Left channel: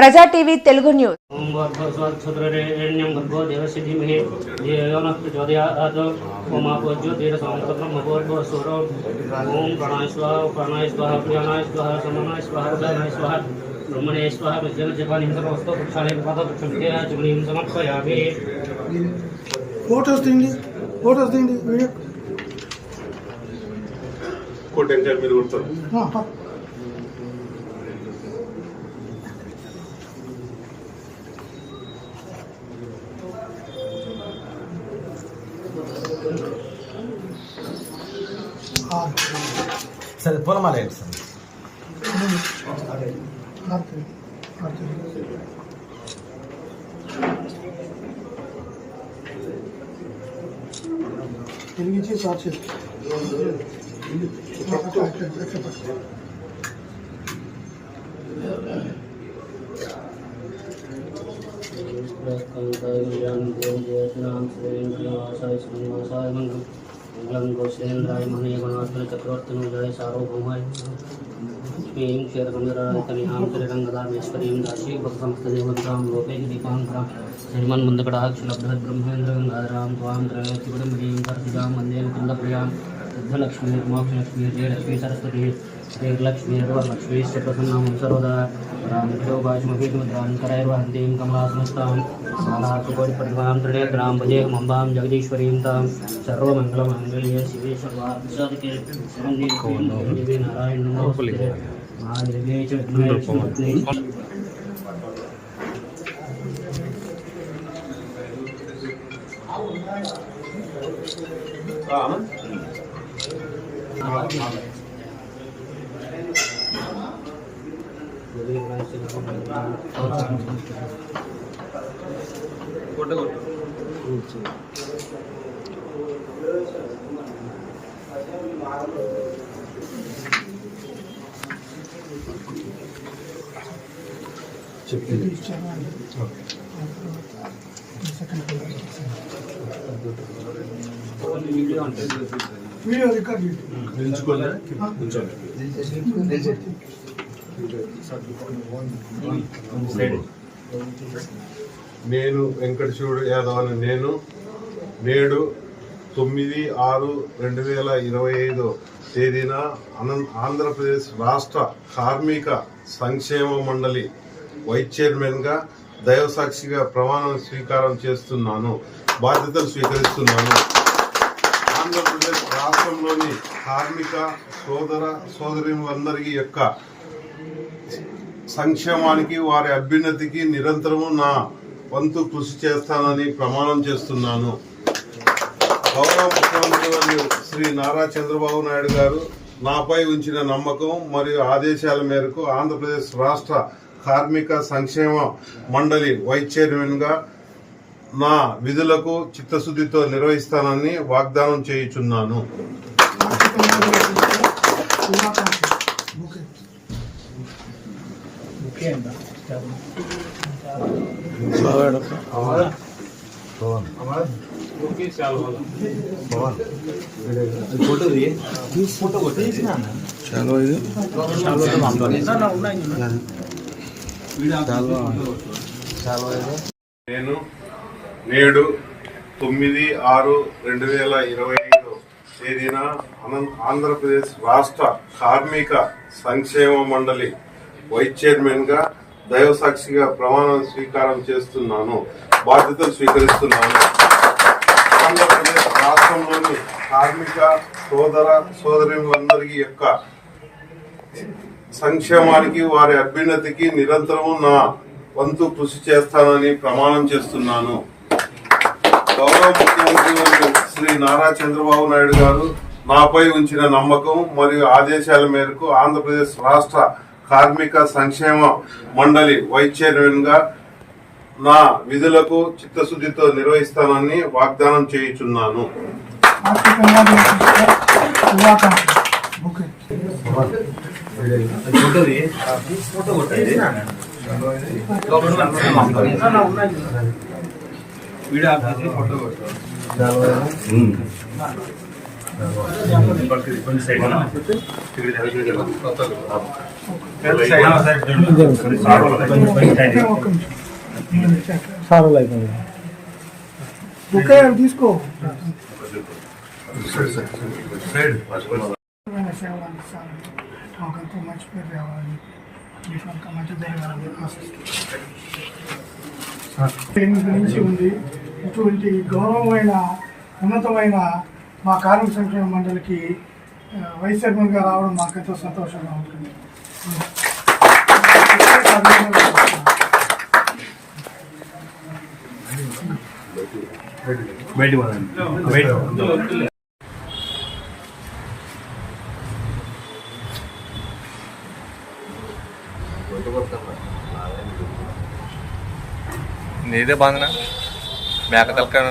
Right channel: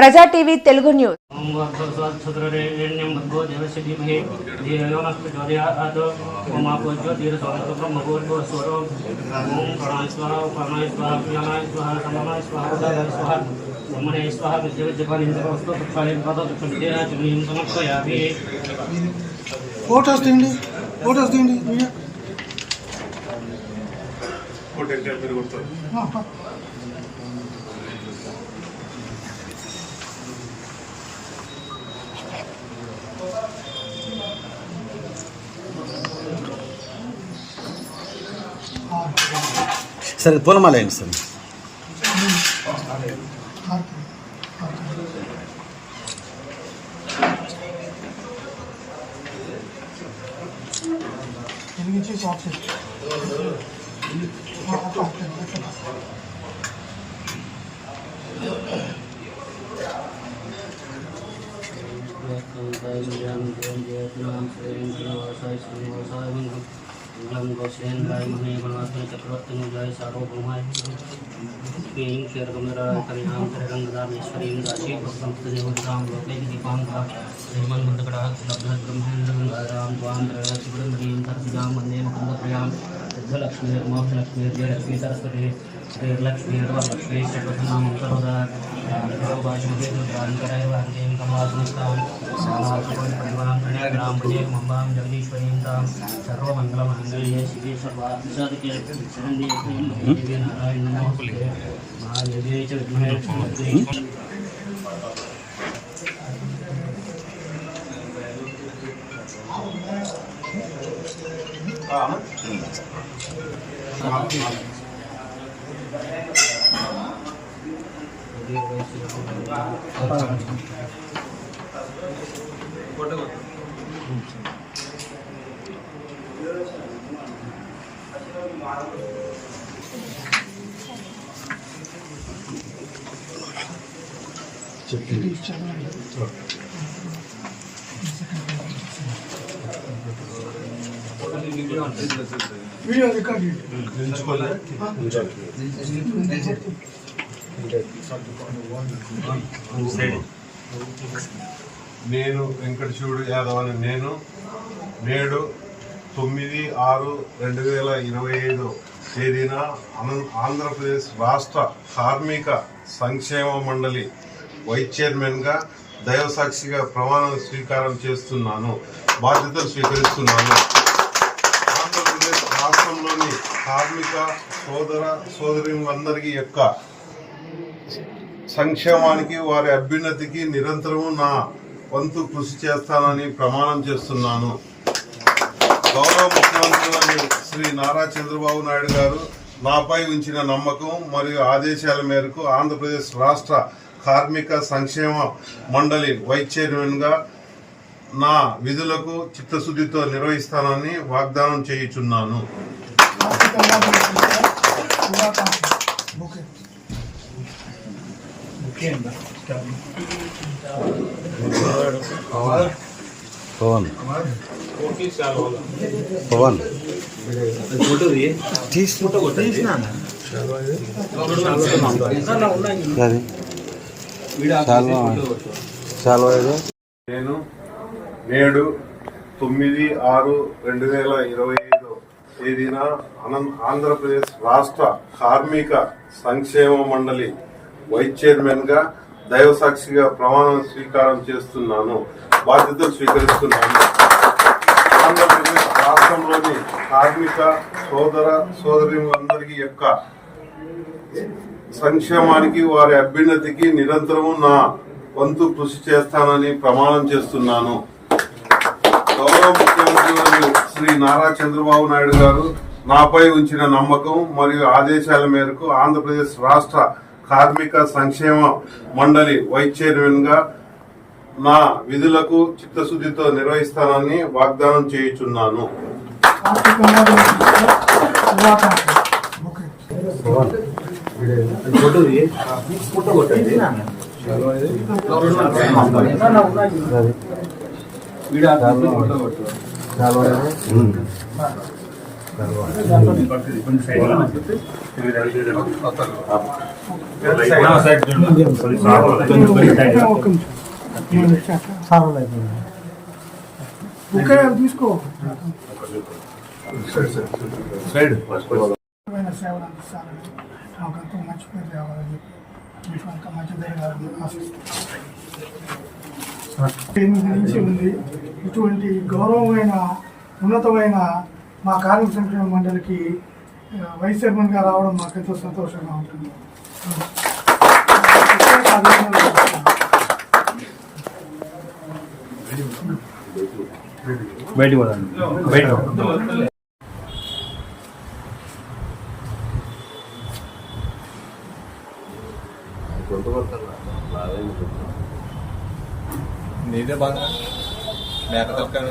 ప్రజా TV Telugu news. Sir पूर्णमाला ఏంటి sir? गोसेन्द्राय महे गणात्मक चक्रवर्तीनुजय सार्वभौमाय श्रीं क्षीरकमरातनयां चिरगंगाधरेश्वरीं दासी भक्तमस्तदेवतां लोके दीपांकरा श्रीमन्मन्दकड़ा लब्धब्रह्मेन्द्रगंगाधरां त्वां त्रयसुगन्धीं सरसिजां वन्दे मुकुन्दप्रियां सिद्धलक्ष्मी उमालक्ष्मी जयलक्ष्मी सरस्वती श्रीलक्ष्मी लक्ष्मी प्रसन्नां सर्वदा रामकरैर्वहन्तीं कमलासनस्तां सालासुपरिपरिमां त्रिनेत्रां भजे मम्बां जगदीश्वरीं तां सर्वमङ्गलमाङ्गल्ये शिवे सर्वार्थसाधके शरण्ये देवी नारायण नमोस्तुते महादेव्यै च विद्महे నేను వెంకటశివుడు యాదవ్ అని నేడు 9/6/2025 తేదీన ఆంధ్రప్రదేశ్ రాష్ట్ర కార్మిక సంక్షేమ మండలి వైస్ చైర్మన్గా దైవసాక్షిగా ప్రమాణ స్వీకారం చేస్తున్నాను, బాధ్యతలు స్వీకరిస్తున్నాను. ఆంధ్రప్రదేశ్ రాష్ట్రంలోని కార్మిక సోదరులందరి యొక్క సంక్షేమానికి వారి అభ్యున్నతికి నిరంతరము నా వంతు కృషి చేస్తానని ప్రమాణం చేస్తున్నాను. గౌరవ ముఖ్యమంత్రి శ్రీ నారా చంద్రబాబు నాయుడు గారు నాపై ఉంచిన నమ్మకం మరియు ఆదేశాల మేరకు ఆంధ్రప్రదేశ్ రాష్ట్ర కార్మిక సంక్షేమ మండలి వైస్ చైర్మన్గా నా విధులకు చిత్తశుద్ధితో నిర్వహిస్తానని వాగ్దానం చేయుచున్నాను. నేను నేడు 9/6/2025 తేదీన ఆంధ్రప్రదేశ్ రాష్ట్ర కార్మిక సంక్షేమ మండలి వైస్ చైర్మన్గా దైవసాక్షిగా ప్రమాణ స్వీకారం చేస్తున్నాను, బాధ్యతలు స్వీకరిస్తున్నాను. ఆంధ్రప్రదేశ్ రాష్ట్రంలోని కార్మిక సోదరులందరి యొక్క సంక్షేమానికి వారి అభ్యున్నతికి నిరంతరము నా వంతు కృషి చేస్తానని ప్రమాణం చేస్తున్నాను. గౌరవ ముఖ్యమంత్రి శ్రీ నారా చంద్రబాబు నాయుడు గారు నాపై ఉంచిన నమ్మకం మరియు ఆదేశాల మేరకు ఆంధ్రప్రదేశ్ రాష్ట్ర కార్మిక సంక్షేమ మండలి వైస్ చైర్మన్గా నా విధులకు చిత్తశుద్ధితో నిర్వహిస్తానని వాగ్దానం చేయుచున్నాను. తీసుకో సేవలు అందిస్తాను. నాకంతా మంచి పేరు రావాలని మీకు అంత మంచి జరగాలని ఆశిస్తున్నాను. గురించి ఉంది. ఇటువంటి గౌరవమైన ఉన్నతమైన మా కార్మిక సంక్షేమ మండలికి వైస్ చైర్మన్గా రావడం మాకెంతో సంతోషంగా ఉంటుంది. నీదే బాగున్నా మేక తలకాయ